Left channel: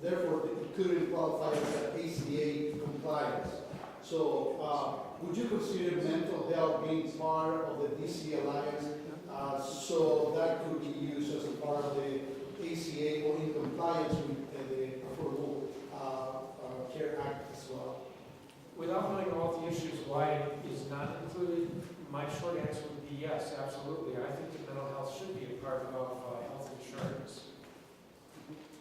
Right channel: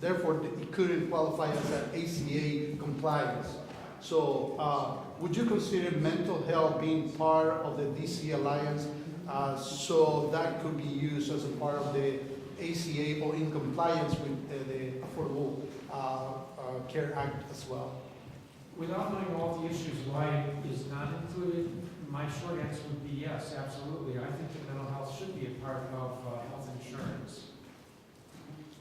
therefore it couldn't qualify as an ACA compliance. So would you consider mental health being part of the DC Alliance so that could be used as a part of the ACA or in compliance with the Affordable Care Act as well? Without knowing all the issues why it is not included, my short answer would be yes, absolutely. I think that mental health should be a part of health insurance.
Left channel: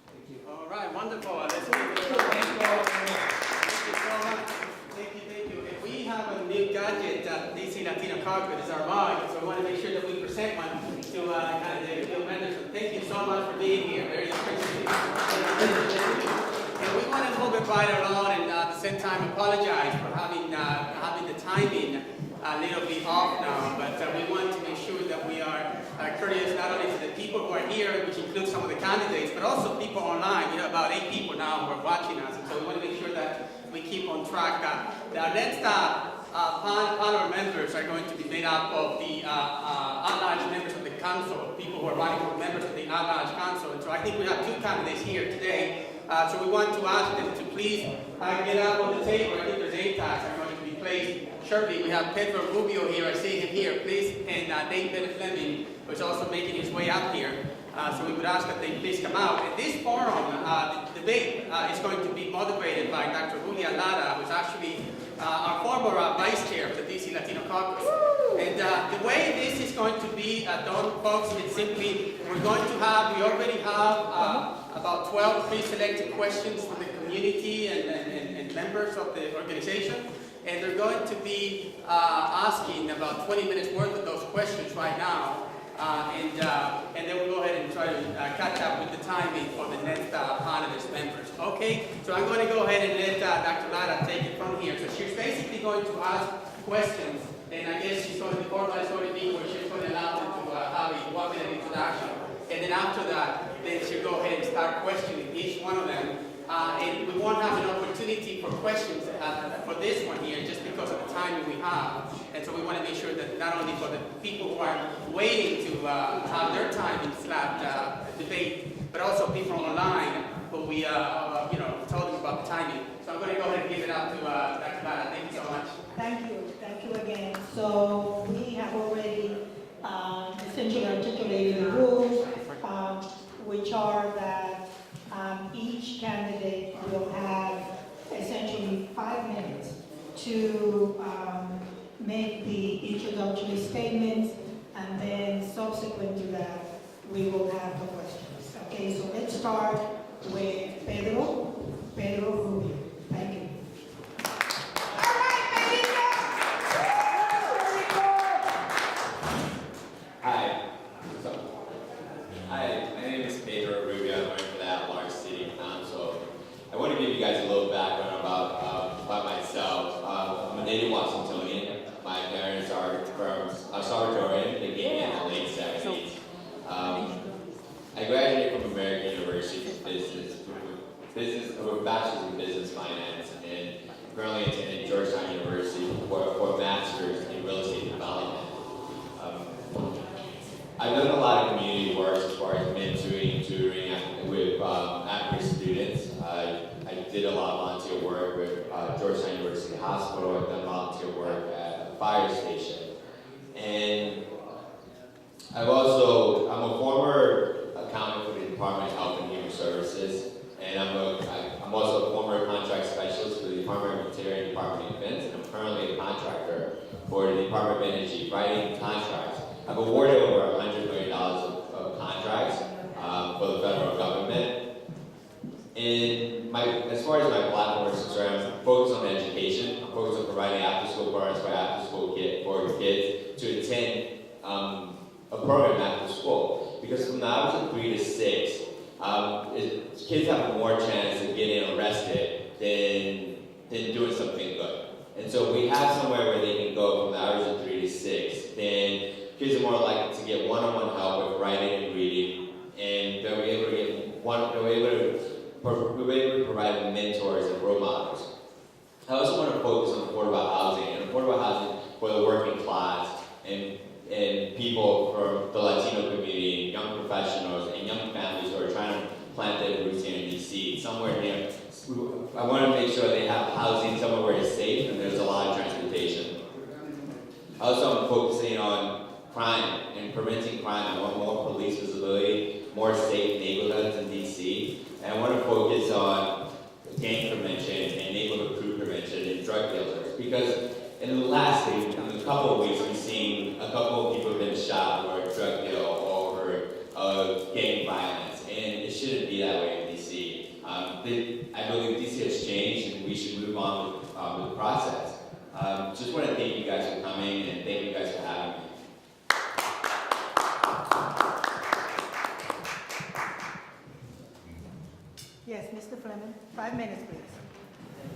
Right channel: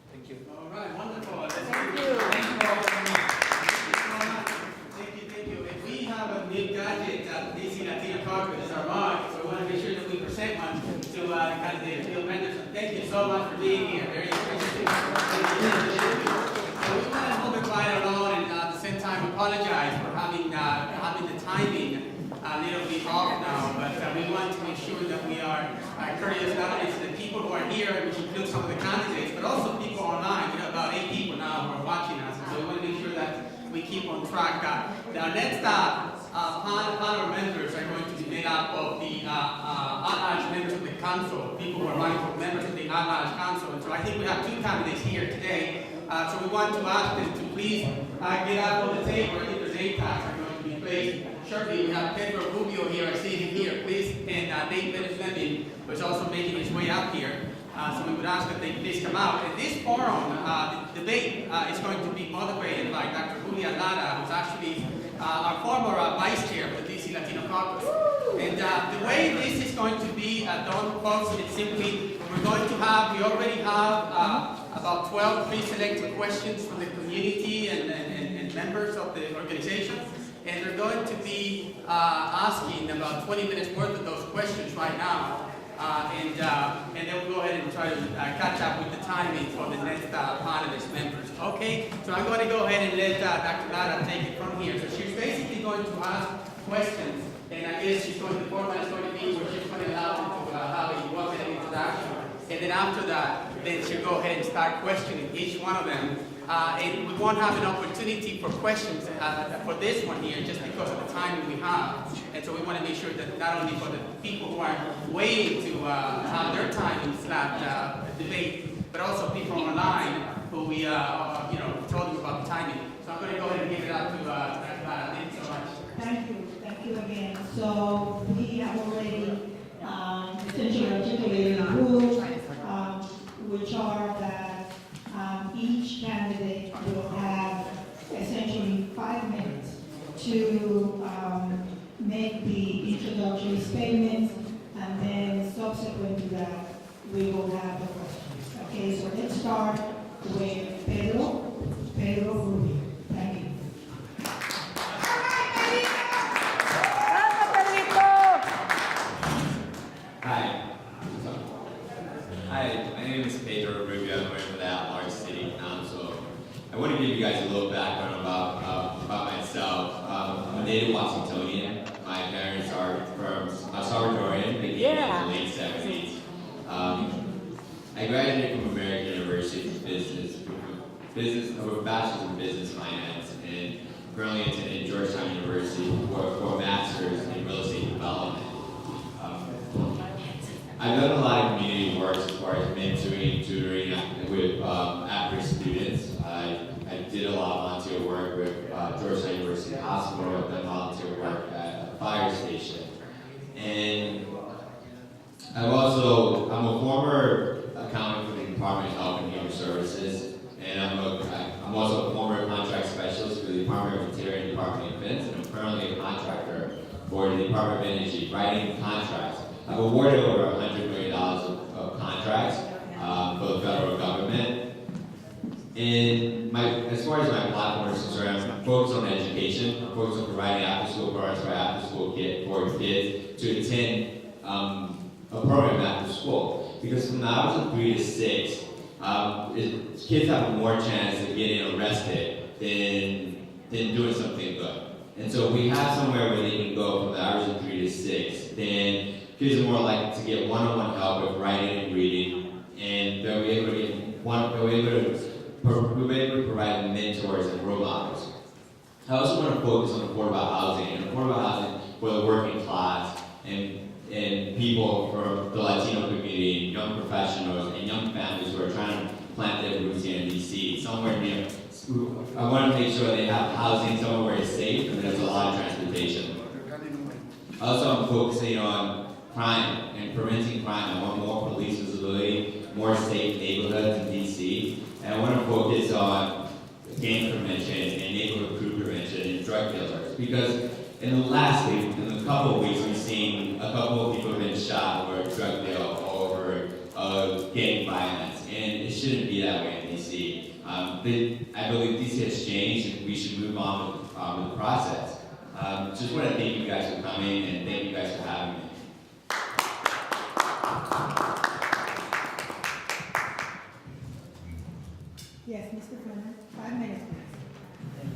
Thank you. All right, wonderful. Let's thank you. Thank you all very much. Thank you so much. Thank you. If we have a new gadget at DC Latino Caucus, it's our mug, so I want to make sure that we present one to kind of the field members. So thank you so much for being here. Very appreciative. And we want to move it right along and at the same time apologize for having the timing a little bit off now, but we want to make sure that we are courteous not only to the people who are here, which includes some of the candidates, but also people online. We have about 8 people now who are watching us, and so we want to make sure that we keep on track. Our next panel members are going to be made up of the at-large members of the council, people who are running for members of the at-large council, and so I think we have 2 candidates here today. So we want to ask them to please get up on the table. I think their name tags are going to be placed shortly. We have Pedro Rubio here, I see him here, please, and Bennet-Fleming, who is also making his way up here. So we would ask that they please come out. And this forum, the debate is going to be moderated by Dr. Julia Lara, who's actually our former vice chair of the DC Latino Caucus. And the way this is going to be done, folks, it's simply, we already have about 12 pre-selected questions from the community and members of the organization. And they're going to be asking about 20 minutes worth of those questions right now. And then we'll go ahead and try to catch up with the timing for the next panelist members. Okay, so I'm going to go ahead and let Dr. Lara take it from here. So she's basically going to ask questions, and I guess the format is going to be where she's going to allow them to have a 1-minute introduction. And then after that, then she'll go ahead and start questioning each one of them. And we won't have an opportunity for questions for this one here just because of the time we have. And so we want to make sure that not only for the people who are waiting to have their time in slot debate, but also people online who we told them about the timing. So I'm going to go ahead and give it up to Dr. Lara. Thank you so much. Thank you again. So we have already essentially articulated the rules, which are that each candidate will have essentially 5 minutes to make the introductory statements, and then subsequent to that, we will have the questions. Okay, so let's start with Pedro Rubio. Thank you. Hi, my name is Pedro Rubio. I'm working for the at-large city council. I want to give you guys a little background about myself. I'm a native Washingtonian. My parents are from Salvadorian. They came in the late 70s. I graduated from American University for business with a bachelor's in business finance, and I'm currently attending Georgetown University for a master's in real estate development. I've done a lot of community work as far as mentoring, tutoring with at-risk students. I did a lot of volunteer work with Georgetown University Hospital. I've done volunteer work at a fire station. And I'm a former accountant for the Department of Health and Human Services. And I'm also a former contract specialist for the Department of Interior and Department of Defense. And I'm currently a contractor for the Department of Energy, writing contracts. I've awarded over $100 million of contracts for the federal government. And as far as my platform is concerned, I'm focused on education. I'm focused on providing after-school programs for kids to attend a program after school. Because from the hours of 3 to 6, kids have more chance of getting arrested than doing something good. And so we have somewhere where they can go from the hours of 3 to 6, then kids are more likely to get one-on-one help with writing and reading, and they'll be able to provide mentors and role models. I also want to focus on affordable housing for the working class and people from the Latino community, young professionals and young families who are trying to plant their roots here in DC, somewhere near. I want to make sure they have housing somewhere where it's safe and there's a lot of transportation. Also, I'm focusing on crime and preventing crime. I want more police visibility, more safe neighborhoods in DC, and I want to focus on gang prevention and neighborhood crew prevention and drug dealers. Because in the last week, in a couple of weeks, we've seen a couple of people have been shot for a drug deal or over gang violence, and it shouldn't be that way in DC. I believe DC has changed, and we should move on with the process. Just want to thank you guys for coming, and thank you guys for having me. Yes, Mr. Brennan, 5 minutes, please.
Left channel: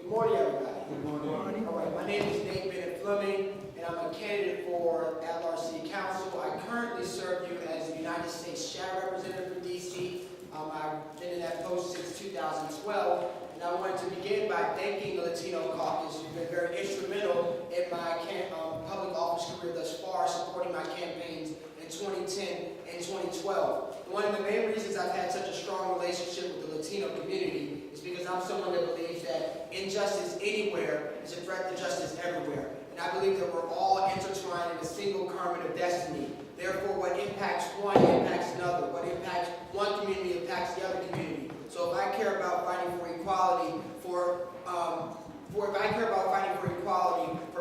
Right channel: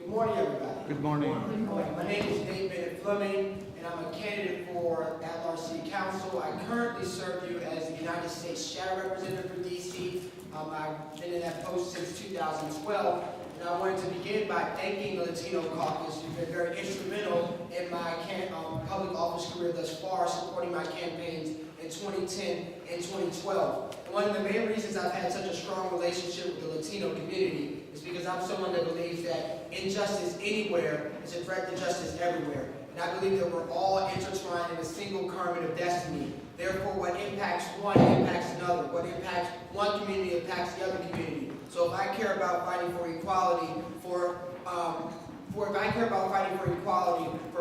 Good morning, everybody. Good morning. All right, my name is Bennet-Fleming, and I'm a candidate for at-large city council. I currently serve you as the United States Shadow Representative for DC. I've been in that post since 2012, and I wanted to begin by thanking the Latino Caucus. You've been very instrumental in my public office career thus far, supporting my campaigns in 2010 and 2012. And one of the main reasons I've had such a strong relationship with the Latino community is because I'm someone that believes that injustice anywhere is a threat to justice everywhere. And I believe that we're all intertwined in a single current of destiny. Therefore, what impacts one impacts another. What impacts one community impacts the other community. So if I care about fighting for equality for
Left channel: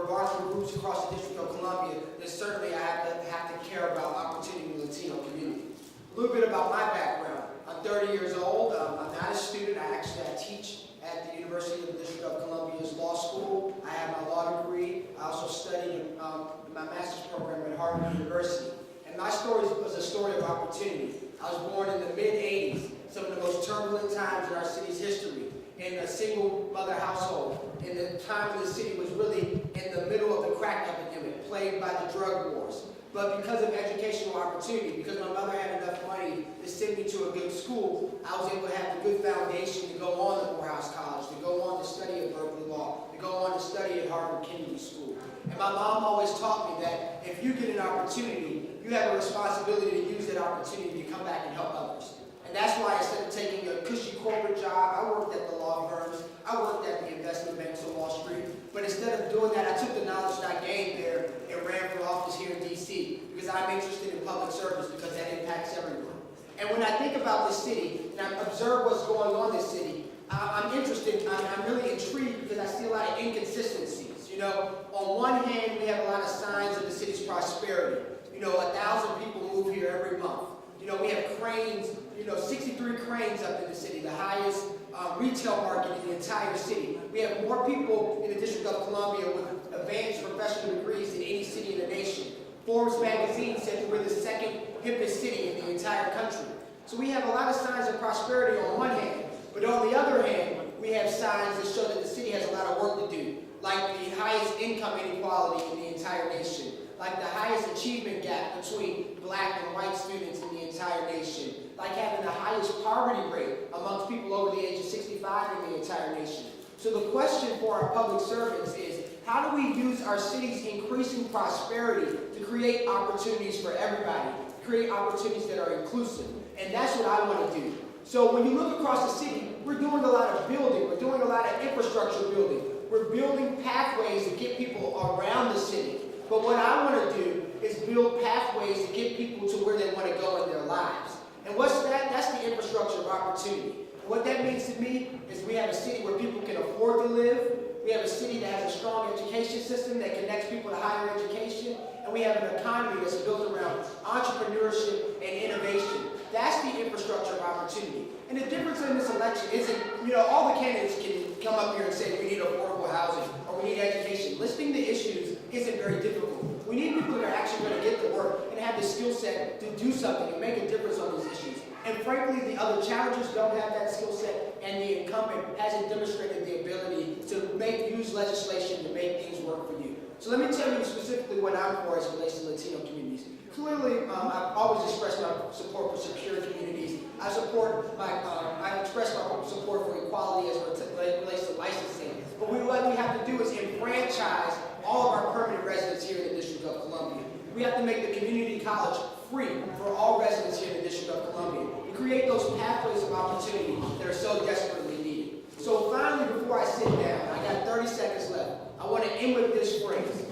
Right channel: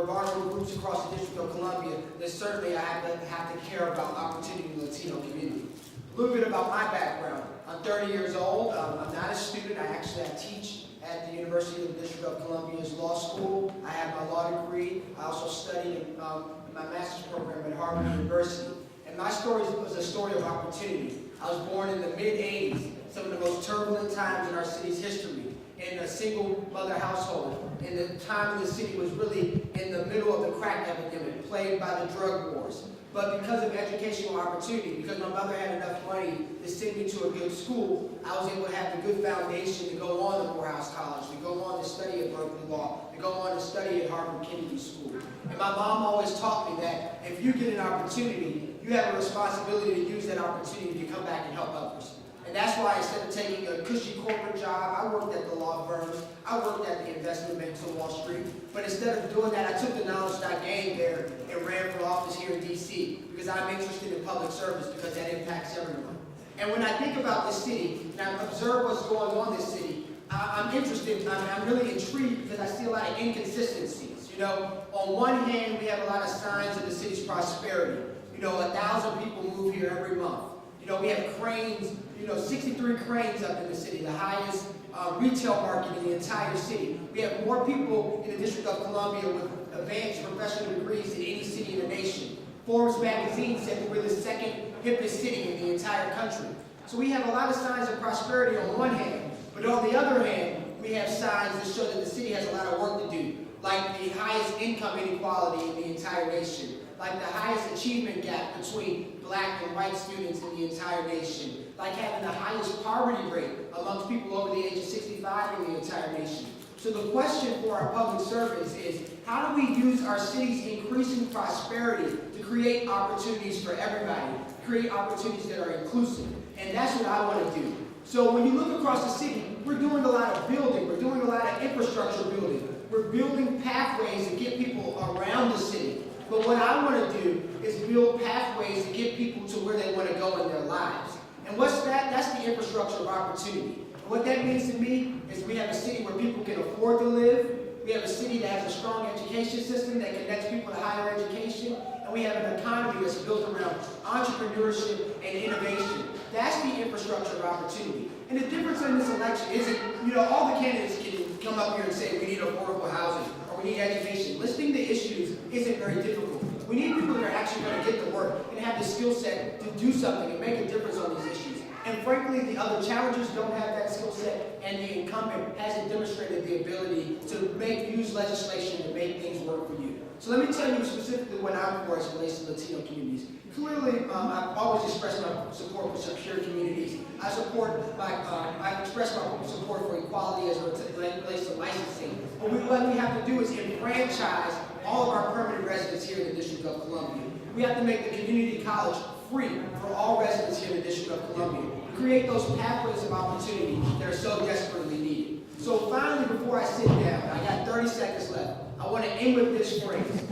vulnerable groups across the District of Columbia, then certainly I have to care about opportunity in the Latino community. A little bit about my background. I'm 30 years old. I'm not a student. I teach at the University of the District of Columbia's law school. I have my law degree. I also studied in my master's program at Harvard University. And my story was a story of opportunity. I was born in the mid-'80s, some of the most turbulent times in our city's history, in a single mother household. And the time of the city was really in the middle of the crack epidemic, plagued by the drug wars. But because of educational opportunity, because my mother had enough money to send me to a good school, I was able to have a good foundation to go on to Morehouse College, to go on to study at Berkeley Law, to go on to study at Harvard Kennedy School. And my mom always taught me that if you get an opportunity, you have a responsibility to use that opportunity to come back and help others. And that's why instead of taking a cushy corporate job, I worked at the law firms, I worked at the investment banks on Wall Street. But instead of doing that, I took the knowledge that I gained there and ran for office here in DC because I'm interested in public service because that impacts everyone. And when I think about this city and I observe what's going on in this city, I'm interested, I'm really intrigued because I see a lot of inconsistencies. You know, on one hand, we have a lot of signs of the city's prosperity. You know, 1,000 people move here every month. You know, we have cranes, 63 cranes up in the city, the highest retail market in the entire city. We have more people in the District of Columbia with advanced professional degrees than any city in the nation. Forbes magazine said that we're the second hippest city in the entire country. So we have a lot of signs of prosperity on one hand, but on the other hand, we have signs that show that the city has a lot of work to do, like the highest income inequality in the entire nation, like the highest achievement gap between black and white students in the entire nation, like having the highest poverty rate amongst people over the age of 65 in the entire nation. So the question for our public servants is, how do we use our city's increasing prosperity to create opportunities for everybody, create opportunities that are inclusive? And that's what I want to do. So when you look across the city, we're doing a lot of building, we're doing a lot of infrastructure building, we're building pathways to get people around the city. But what I want to do is build pathways to get people to where they want to go in their lives. And what's that? That's the infrastructure of opportunity. And what that means to me is we have a city where people can afford to live. We have a city that has a strong education system that connects people to higher education. And we have an economy that's built around entrepreneurship and innovation. That's the infrastructure of opportunity. And the difference in this election isn't, all the candidates can come up here and say we need affordable housing or we need education. Listing the issues isn't very difficult. We need people that are actually going to get the work and have the skill set to do something and make a difference on these issues. And frankly, the other challengers don't have that skill set, and the incumbent hasn't demonstrated the ability to use legislation to make things work for you. So let me tell you specifically what I'm for as it relates to Latino communities. Clearly, I've always expressed my support for secure communities. I express my support for equality as it relates to licensing. But what we have to do is enfranchise all of our permanent residents here in the District of Columbia. We have to make the community college free for all residents here in the District of Columbia, to create those pathways of opportunity that are so desperately needed. So finally, before I sit down, I got 30 seconds left, I want to end with this phrase.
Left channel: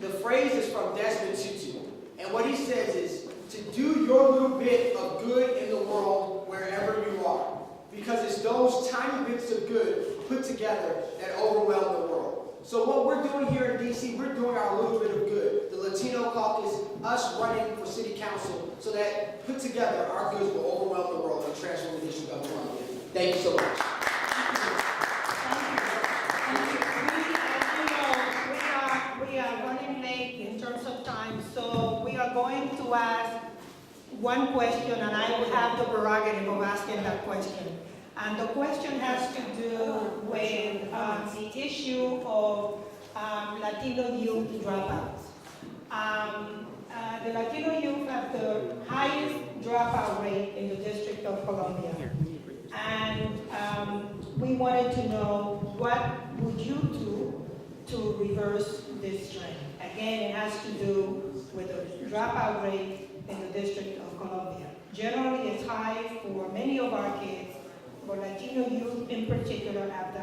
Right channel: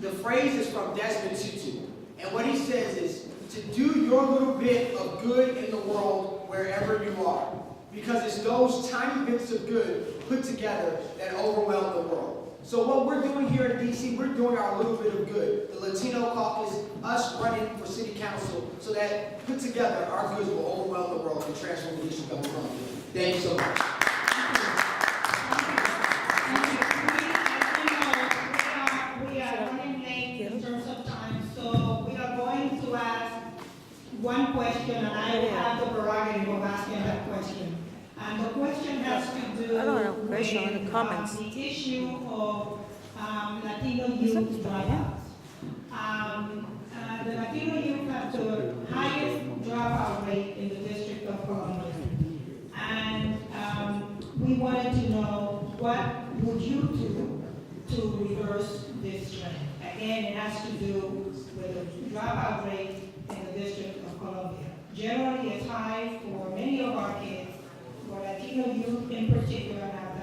The phrase is from Desmond Tutu, and what he says is, to do your little bit of good in the world wherever you are. Because it's those tiny bits of good put together that overwhelm the world. So what we're doing here in DC, we're doing our little bit of good. The Latino Caucus, us running for city council, so that put together our goods will overwhelm the world and transform the District of Columbia. Thank you so much. We are running late in terms of time, so we are going to ask one question, and I will have the prerogative of asking that question. And the question has to do with the issue of Latino youth dropouts. The Latino youth have the highest dropout rate in the District of Columbia. And we wanted to know, what would you do to reverse this trend? Again, it has to do with the dropout rate in the District of Columbia. Generally, it's high for many of our kids, but Latino youth in particular have